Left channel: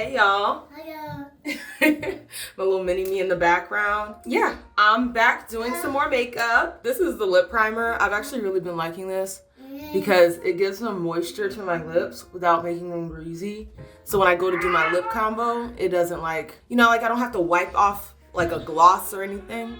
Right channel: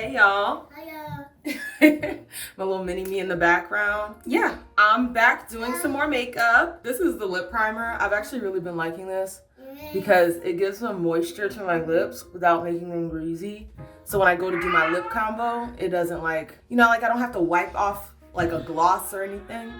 Hey y'all. Hiya. My little mini me in the background. Yeah, I'm back doing some more makeup. This is the lip primer. I've actually really been liking this because it gives some moisture to my lips without making them greasy. So when I go to do my lip combo, it doesn't like I don't have to wipe off like a gloss or anything.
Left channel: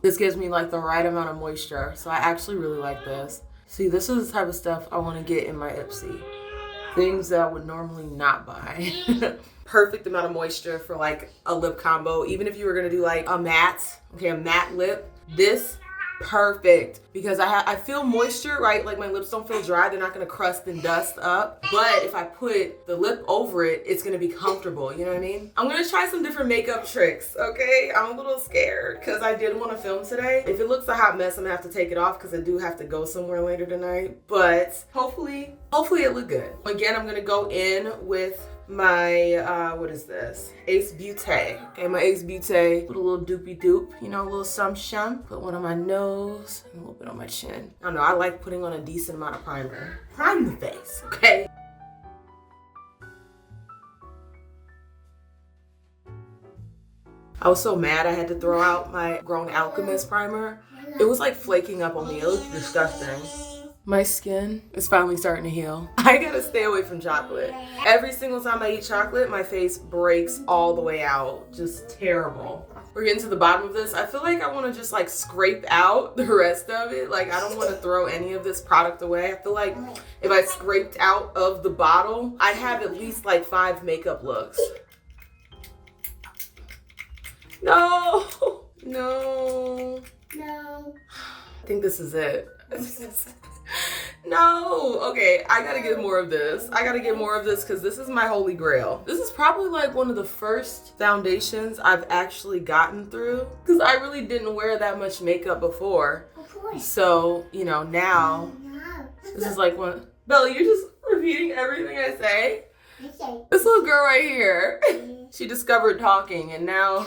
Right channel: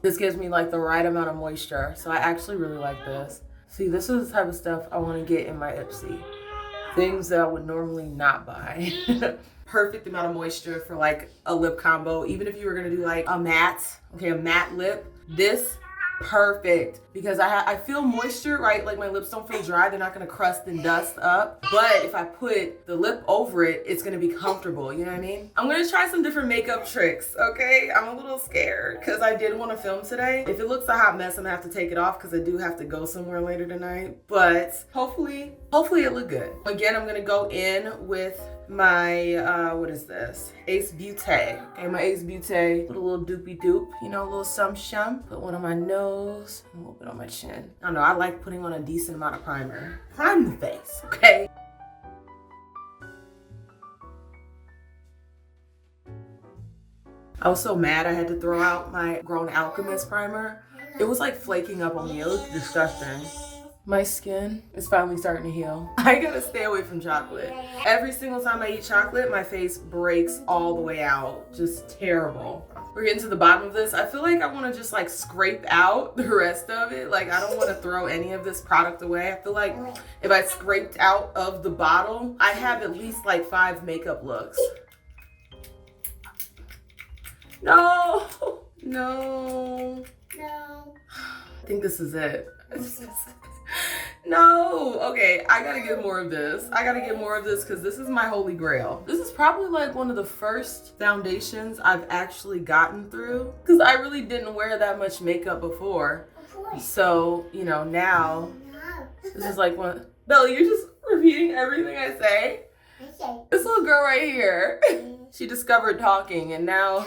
This gives me like the right amount of moisture. So I actually really like this. See, this is the type of stuff I want to get in my Ipsy. Things that I would normally not buy. Perfect amount of moisture for like a lip combo. Even if you were gonna do like a matte lip, this perfect because I feel moisture, right? Like my lips don't feel dry. They're not gonna crust and dust up. But if I put the lip over it, it's gonna be comfortable. You know what I mean? I'm gonna try some different makeup tricks, okay? I'm a little scared because I did want to film today. If it looks a hot mess, I'm gonna have to take it off because I do have to go somewhere later tonight. But hopefully it look good. Again, I'm gonna go in with my what is this? Ace Beauté. Okay, my Ace Beauté. Put a little doopy doop, a little shum. Put one on my nose and a little bit on my chin. I don't know, I like putting on a decent amount of primer. Prime the face, okay? I was so mad I had to throw out my Grown Alchemist primer. It was like flaking up on me. It looked disgusting. My skin is finally starting to heal. I gotta stay away from chocolate. Every single time I eat chocolate, my face breaks all the way out. Just terrible. We're getting to the bottom of this. I feel like I wanna just like scrape out the rest of it. Like I don't wanna throw any of this product away. I feel like if I scraped out of the bottle, I'd have at least like 5 makeup looks. No. I think this is it. No, okay, I gotta get more of this. Because this is my holy grail. This is probably like one of the first foundations I've actually gotten through because I really didn't wear that much makeup before. So, now this is like one. Bella, you're just repeating everything I say. This little girl right here, she discovered talking and now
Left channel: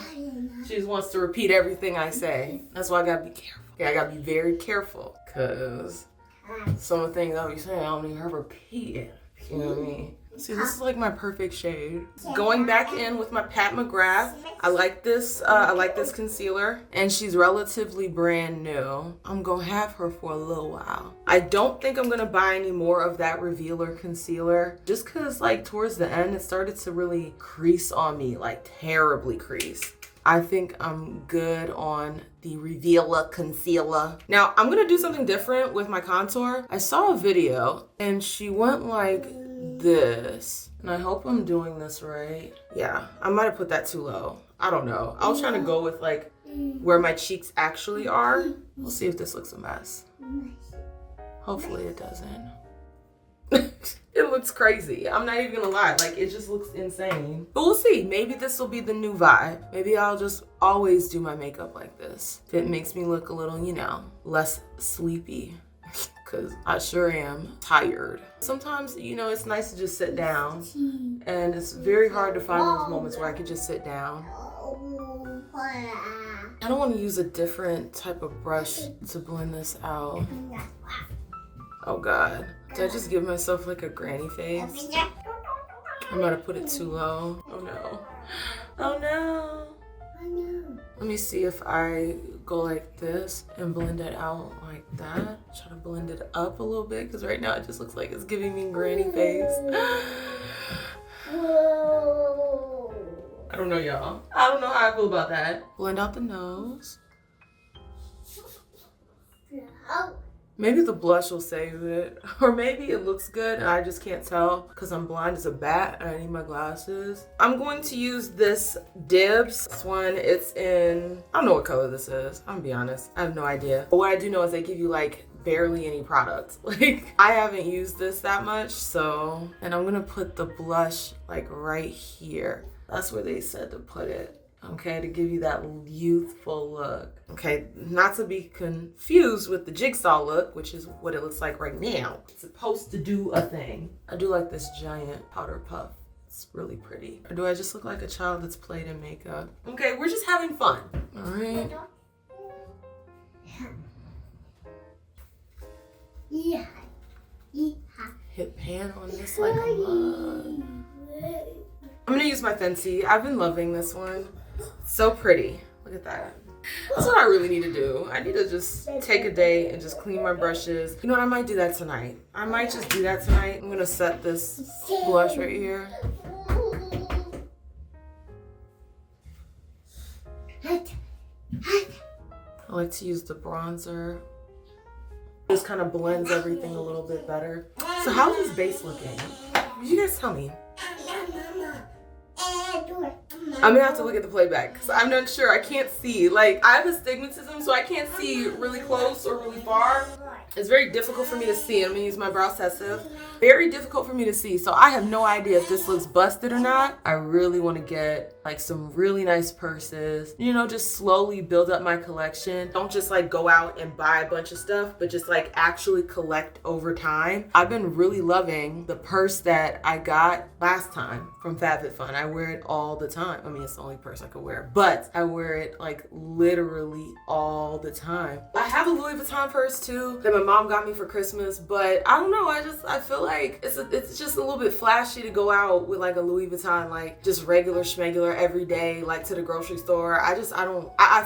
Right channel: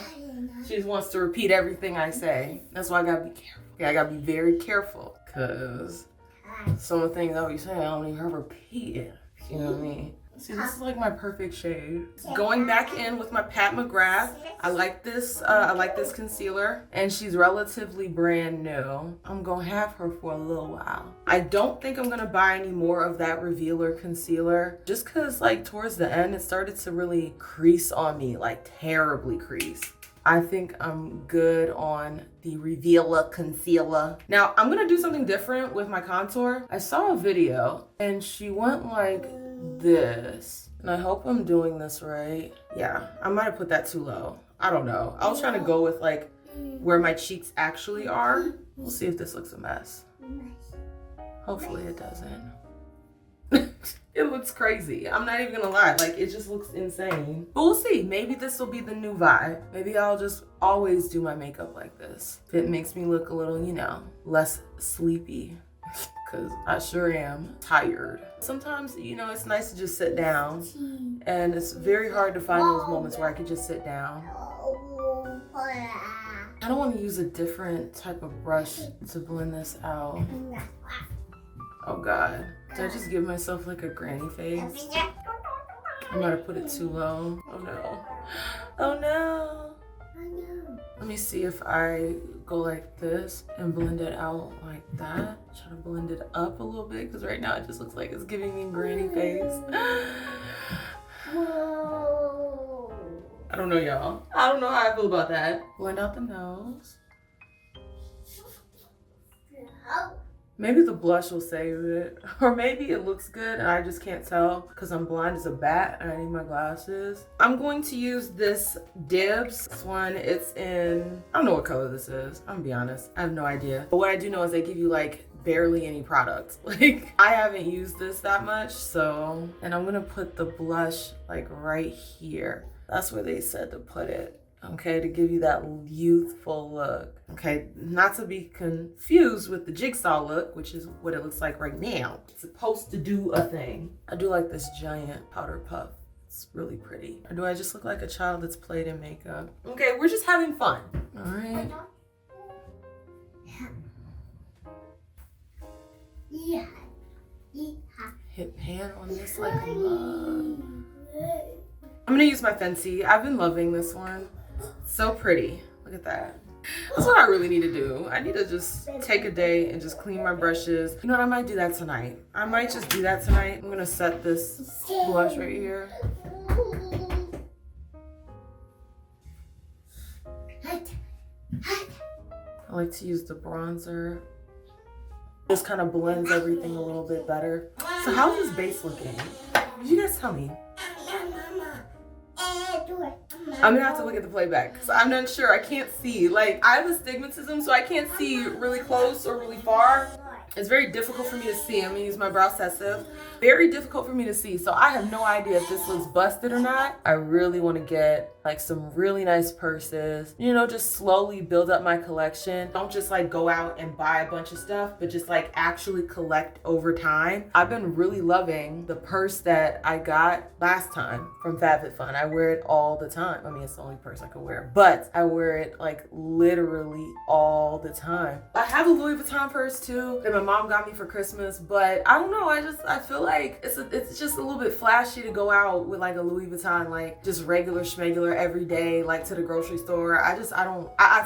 she just wants to repeat everything I say. That's why I gotta be careful. Okay, I gotta be very careful because some of the things I'll be saying, I don't even have to repeat it. You know what I mean? See, this is like my perfect shade. Going back in with my Pat McGrath. I like this concealer and she's relatively brand new. I'm gonna have her for a little while. I don't think I'm gonna buy any more of that Revealer concealer just cause like towards the end, it started to really crease on me, like terribly crease. I think I'm good on the Revealer concealer. Now, I'm gonna do something different with my contour. I saw a video and she went like this. And I hope I'm doing this right. Yeah, I might have put that too low. I don't know. I was trying to go with like where my cheeks actually are. We'll see if this looks a mess. Hopefully it doesn't. It looks crazy. I'm not even gonna lie. Like, it just looks insane. But we'll see. Maybe this will be the new vibe. Maybe I'll just always do my makeup like this. It makes me look a little, less sleepy. Because I sure am tired. Sometimes, it's nice to just sit down. And it's very hard to find those moments where I can just sit down. I don't want to use a different type of brush to blend this out. Oh God, did I just give myself like a granny face? I'm about to put it too low. Oh no. Oh no. Let me see if I go like this and blend it out like that. Try to blend it up a little bit because right now it just looks like it's giving me granny face. I don't know, y'all. I don't know how I feel about that. Blend out the nose. Maybe the blush will save it. Or maybe it looks good and I just can't tell because I'm blind as a bat and I need my glasses. I'm going to use this Dibs. This one, it's in, I don't know what color this is. I'm gonna be honest. I have no idea. But what I do know is they give you like barely any product. Like, I haven't used this that much, so. And I'm gonna put the blush like right here. That's where they said to put it. Okay, to give you that youthful look. Okay, not to be confused with the jigsaw look, which is what it looks like right now. It's supposed to do a thing. I do like this giant powder puff. It's really pretty. Or do I just look like a child that's played in makeup? Okay, we're just having fun. All right. Hit pan on this like a mug. I'm gonna use my Fenty. I've been loving this one. So pretty. Look at that. That's what I really need to do. I need to just take a day and just clean my brushes. You know what? I might do that tonight. I might just do that tonight. I'm gonna set this blush right here. I like to use the bronzer. This kind of blends everything a little bit better. So how's this base looking? Did you guys tell me? I'm gonna have to look at the playback because I'm not sure. I can't see. Like, I have astigmatism, so I can't see really close or really far. It's very difficult for me to see. I'm gonna use my brow sensitive. Very difficult for me to see. So I have no idea if this looks busted or not. I really want to get like some really nice purses. You know, just slowly build up my collection. Don't just like go out and buy a bunch of stuff, but just like actually collect over time. I've been really loving the purse that I got last time from FabFitFun. I wear it all the time. I mean, it's the only purse I could wear, but I wear it like literally all the time. I have a Louis Vuitton purse too that my mom got me for Christmas, but I don't know. I feel like it's just a little bit flashy to go out with like a Louis Vuitton, like just regular schmegular every day, like to the grocery store. I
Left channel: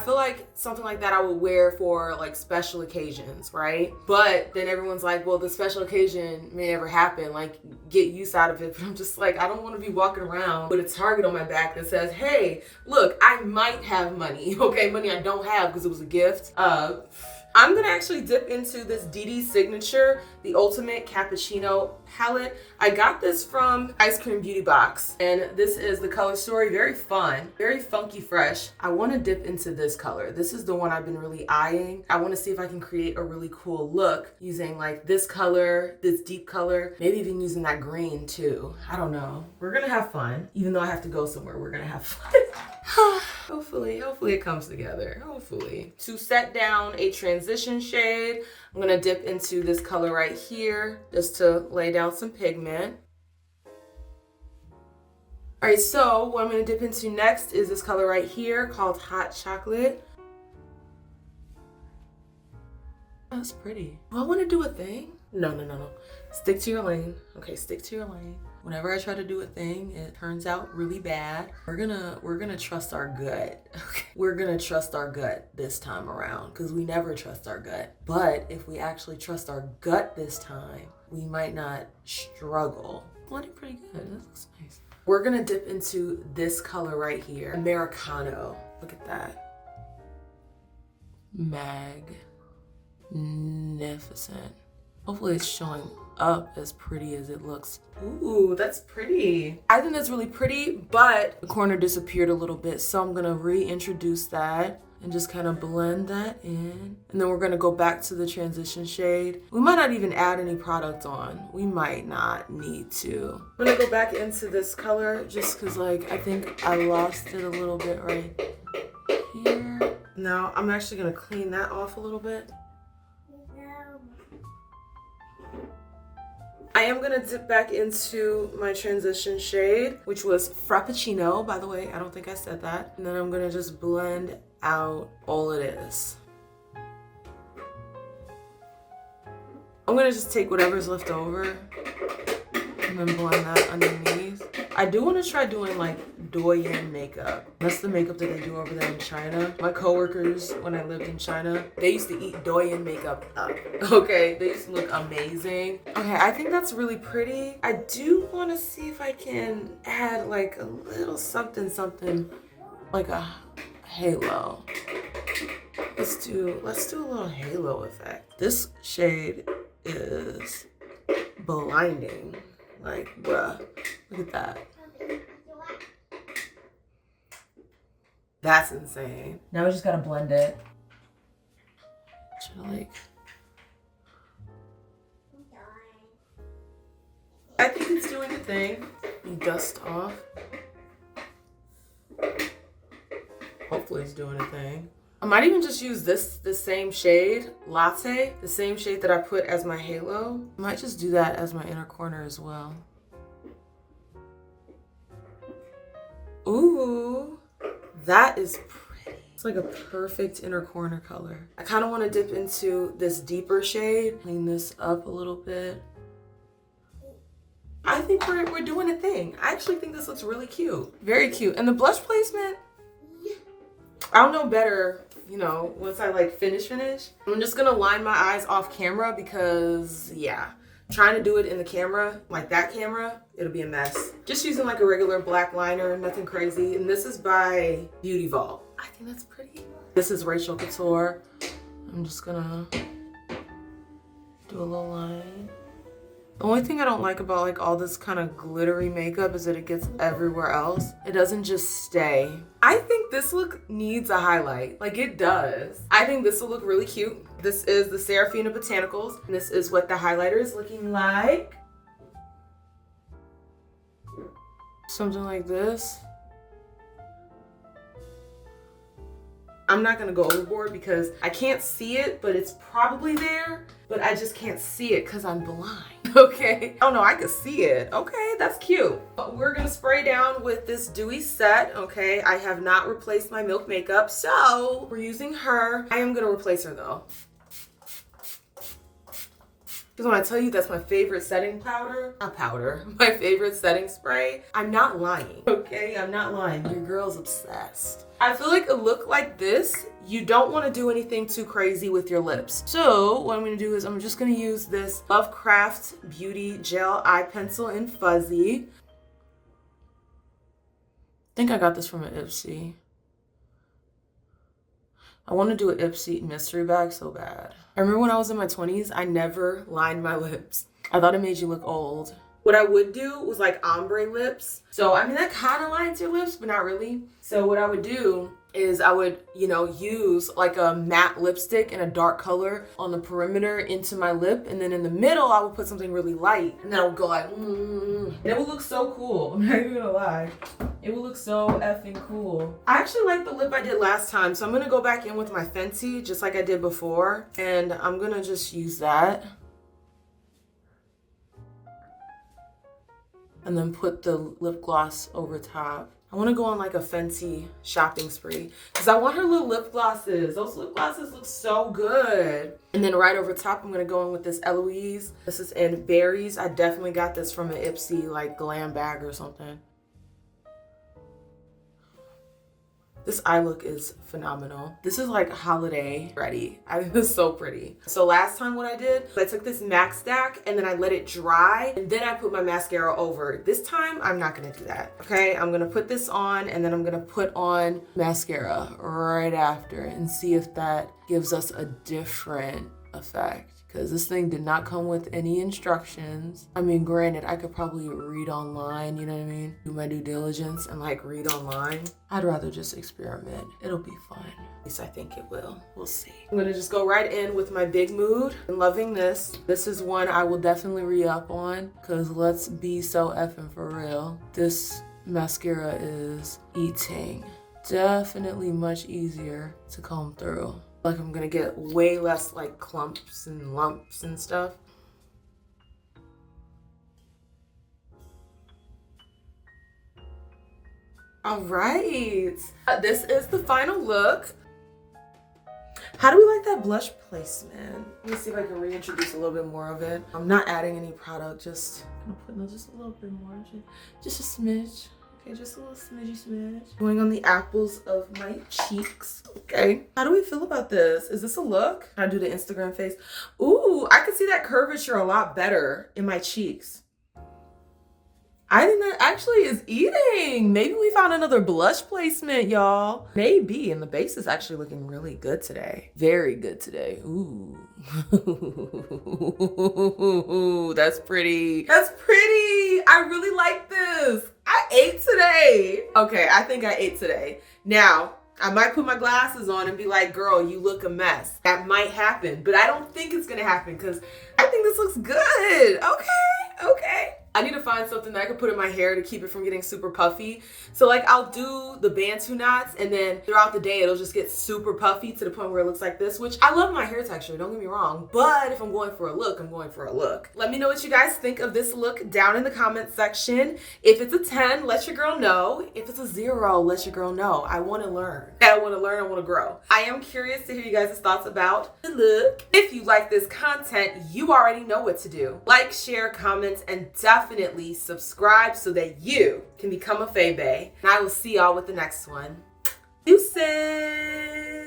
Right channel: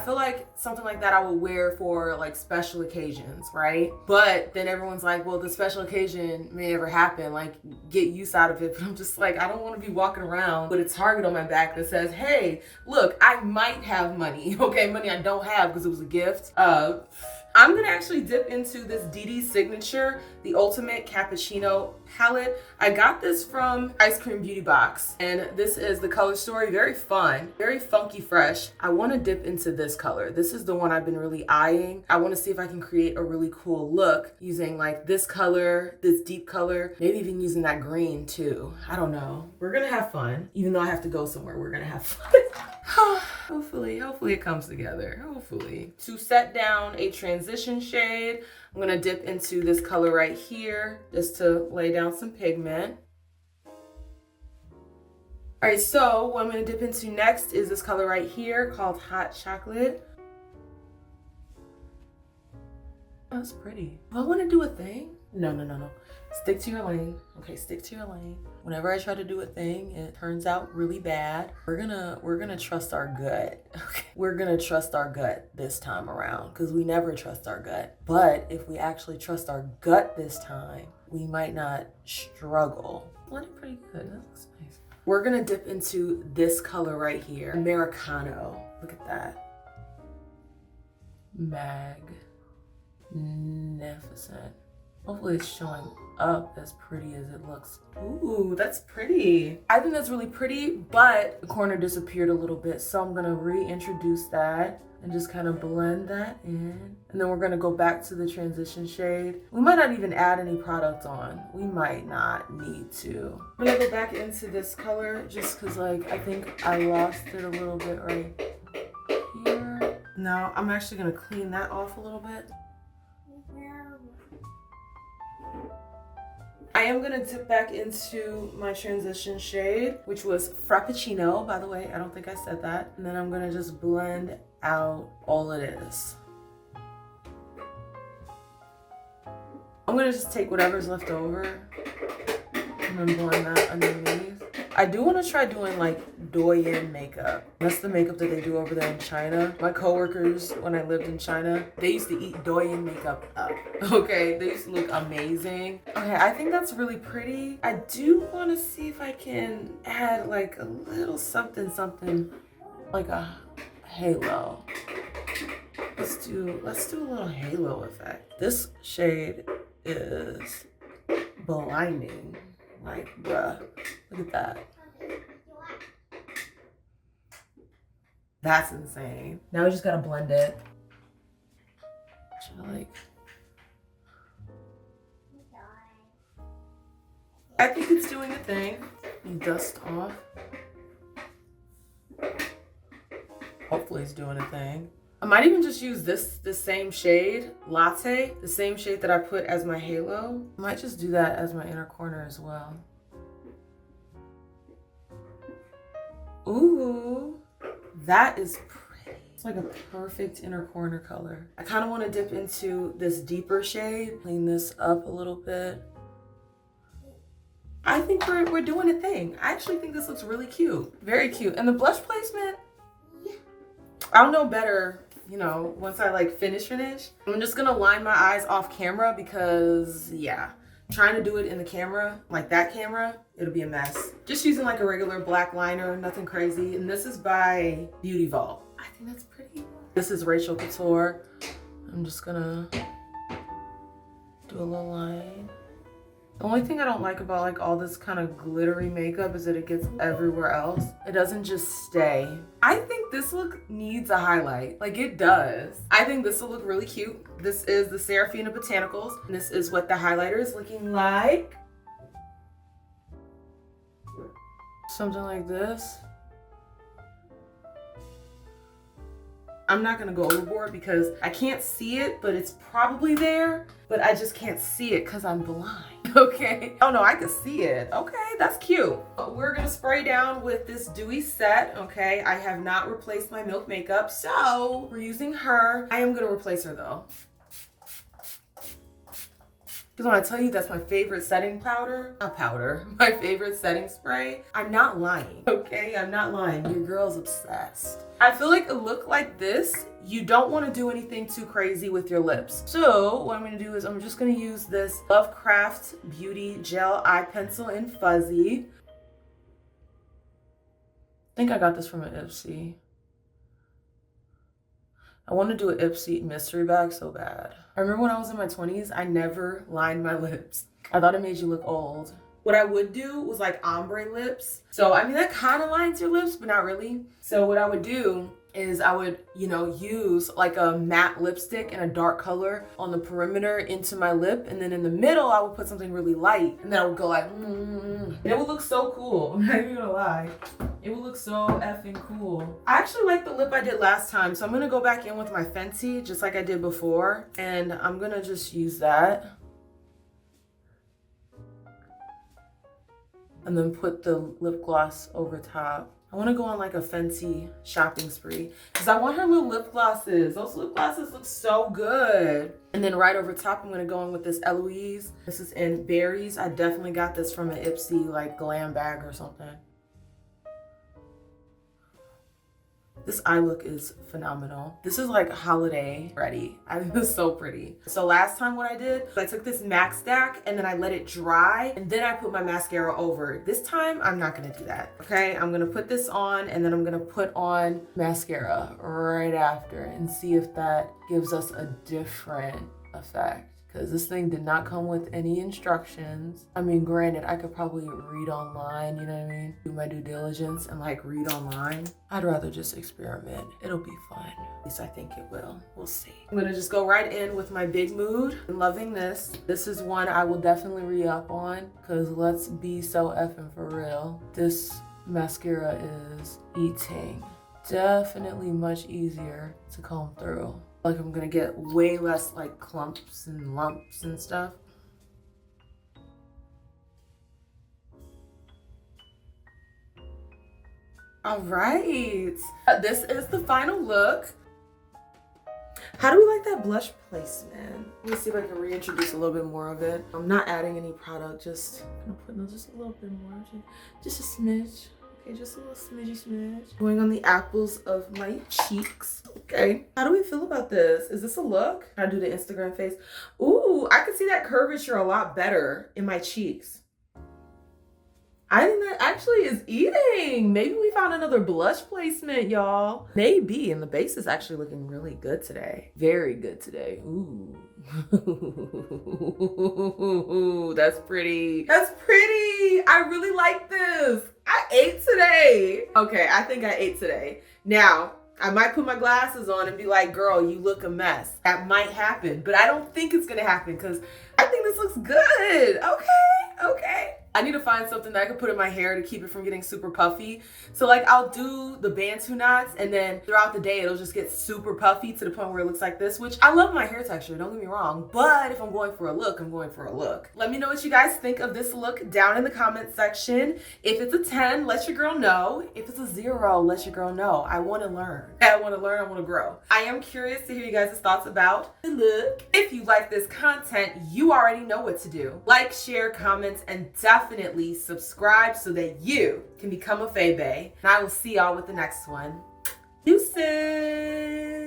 feel like something like that I would wear for like special occasions, right? But then everyone's like, well, the special occasion may never happen, like get use out of it. But I'm just like, I don't want to be walking around with a target on my back that says, hey, look, I might have money. Okay, money I don't have because it was a gift. I'm gonna actually dip into this DD Signature, the Ultimate Cappuccino palette. I got this from Ice Cream Beauty Box, and this is the color story. Very fun, very funky fresh. I wanna dip into this color. This is the one I've been really eyeing. I wanna see if I can create a really cool look using like this color, this deep color, maybe even using that green too. I don't know. We're gonna have fun. Even though I have to go somewhere, we're gonna have fun. Hopefully it comes together, hopefully. To set down a transition shade, I'm gonna dip into this color right here just to lay down some pigment. All right, so what I'm gonna dip into next is this color right here called Hot Chocolate. That's pretty. Do I wanna do a thing? No. Stick to your lane. Okay, stick to your lane. Whenever I try to do a thing, it turns out really bad. We're gonna trust our gut. Okay. We're gonna trust our gut this time around because we never trust our gut. But if we actually trust our gut this time, we might not struggle. Looking pretty good. That looks nice. We're gonna dip into this color right here, Americano. Look at that. Magnificent. Hopefully it's showing up as pretty as it looks. Ooh, that's pretty. I think that's really pretty, but the corner disappeared a little bit, so I'm gonna reintroduce that and just kind of blend that in. And then we're gonna go back to the transition shade. We might not even add any product on. We might not need to. I'm gonna go back into this color just cause like, I think I lost it a little bit right here. Now I'm actually gonna clean that off a little bit. I am gonna dip back into my transition shade, which was Frappuccino, by the way. I don't think I said that. And then I'm gonna just blend out all it is. I'm gonna just take whatever's left over and then blend that underneath. I do want to try doing like Douyin makeup. That's the makeup that they do over there in China. My coworkers, when I lived in China, they used to eat Douyin makeup up. Okay, they used to look amazing. Okay, I think that's really pretty. I do want to see if I can add like a little something, like a halo. Let's do a little halo effect. This shade is blinding. Like, bruh, look at that. That's insane. Now we just gotta blend it. I think it's doing a thing. Dust off. Hopefully it's doing a thing. I might even just use the same shade, Latte, the same shade that I put as my halo. I might just do that as my inner corner as well. Ooh, that is pretty. It's like a perfect inner corner color. I kind of want to dip into this deeper shade, clean this up a little bit. I think we're doing a thing. I actually think this looks really cute. Very cute. And the blush placement, I'll know better, you know, once I like finish. I'm just gonna line my eyes off camera because yeah, trying to do it in the camera, like that camera, it'll be a mess. Just using like a regular black liner, nothing crazy. And this is by Beauty Vault. I think that's pretty. This is Rachel Couture. I'm just gonna do a little line. The only thing I don't like about like all this kind of glittery makeup is that it gets everywhere else. It doesn't just stay. I think this look needs a highlight. Like it does. I think this will look really cute. This is the Serafina Botanicals. And this is what the highlighter is looking like. Something like this. I'm not gonna go overboard because I can't see it, but it's probably there, but I just can't see it because I'm blind, okay? Oh no, I can see it. Okay, that's cute. We're gonna spray down with this dewy set, okay? I have not replaced my Milk makeup, so we're using her. I am gonna replace her though. Because when I tell you that's my favorite setting powder, not powder, my favorite setting spray, I'm not lying, okay? I'm not lying. Your girl's obsessed. I feel like a look like this, you don't want to do anything too crazy with your lips. So what I'm going to do is I'm just going to use this Lovecraft Beauty Gel Eye Pencil in Fuzzy. I think I got this from an Ipsy. I want to do an Ipsy mystery bag so bad. I remember when I was in my 20s, I never lined my lips. I thought it made you look old. What I would do was like ombre lips. So, I mean, that kind of lines your lips, but not really. So what I would do is I would, you know, use like a matte lipstick in a dark color on the perimeter into my lip. And then in the middle, I would put something really light. And then I would go like, And it would look so cool. I'm not even gonna lie. It would look so effing cool. I actually like the lip I did last time. So I'm gonna go back in with my Fenty, just like I did before. And I'm gonna just use that. And then put the lip gloss over top. I want to go on like a Fenty shopping spree because I want her little lip glosses. Those lip glosses look so good. And then right over top, I'm going to go in with this Eloise. This is in Berries. I definitely got this from an Ipsy like Glam bag or something. This eye look is phenomenal. This is like holiday ready. I think this is so pretty. So last time what I did, I took this MAC stack and then I let it dry and then I put my mascara over it. This time, I'm not gonna do that, okay? I'm gonna put this on and then I'm gonna put on mascara right after and see if that gives us a different effect. Because this thing did not come with any instructions. I mean, granted, I could probably read online, you know what I mean? Do my due diligence and like read online. I'd rather just experiment. It'll be fun. At least I think it will. We'll see. I'm gonna just go right in with my Big Mood. I'm loving this. This is one I will definitely re-up on because let's be so effing for real. This mascara is eating. Definitely much easier to comb through. Like I'm gonna get way less like clumps and lumps and stuff. All right, this is the final look. How do we like that blush placement? Let me see if I can reintroduce a little bit more of it. I'm not adding any product, just gonna put just a little bit more, just a smidge. Okay, just a little smidge. Going on the apples of my cheeks. Okay. How do we feel about this? Is this a look? Can I do the Instagram face? Ooh, I could see that curvature a lot better in my cheeks. I think that actually is eating. Maybe we found another blush placement, y'all. Maybe. And the base is actually looking really good today. Very good today. Ooh. That's pretty. That's pretty. I really like this. I ate today. Okay, I think I ate today. Now, I might put my glasses on and be like, girl, you look a mess. That might happen, but I don't think it's gonna happen because I think this looks good. Okay. I need to find something that I can put in my hair to keep it from getting super puffy. So like I'll do the Bantu knots and then throughout the day it'll just get super puffy to the point where it looks like this, which I love my hair texture, don't get me wrong. But if I'm going for a look, I'm going for a look. Let me know what you guys think of this look down in the comment section. If it's a 10, let your girl know. If it's a 0, let your girl know. I wanna learn. I wanna grow. I am curious to hear you guys' thoughts about the look. If you like this content, you already know what to do. Like, share, comment, and definitely definitely subscribe so that you can become a Fae Bae. And I will see y'all with the next one. Deuces!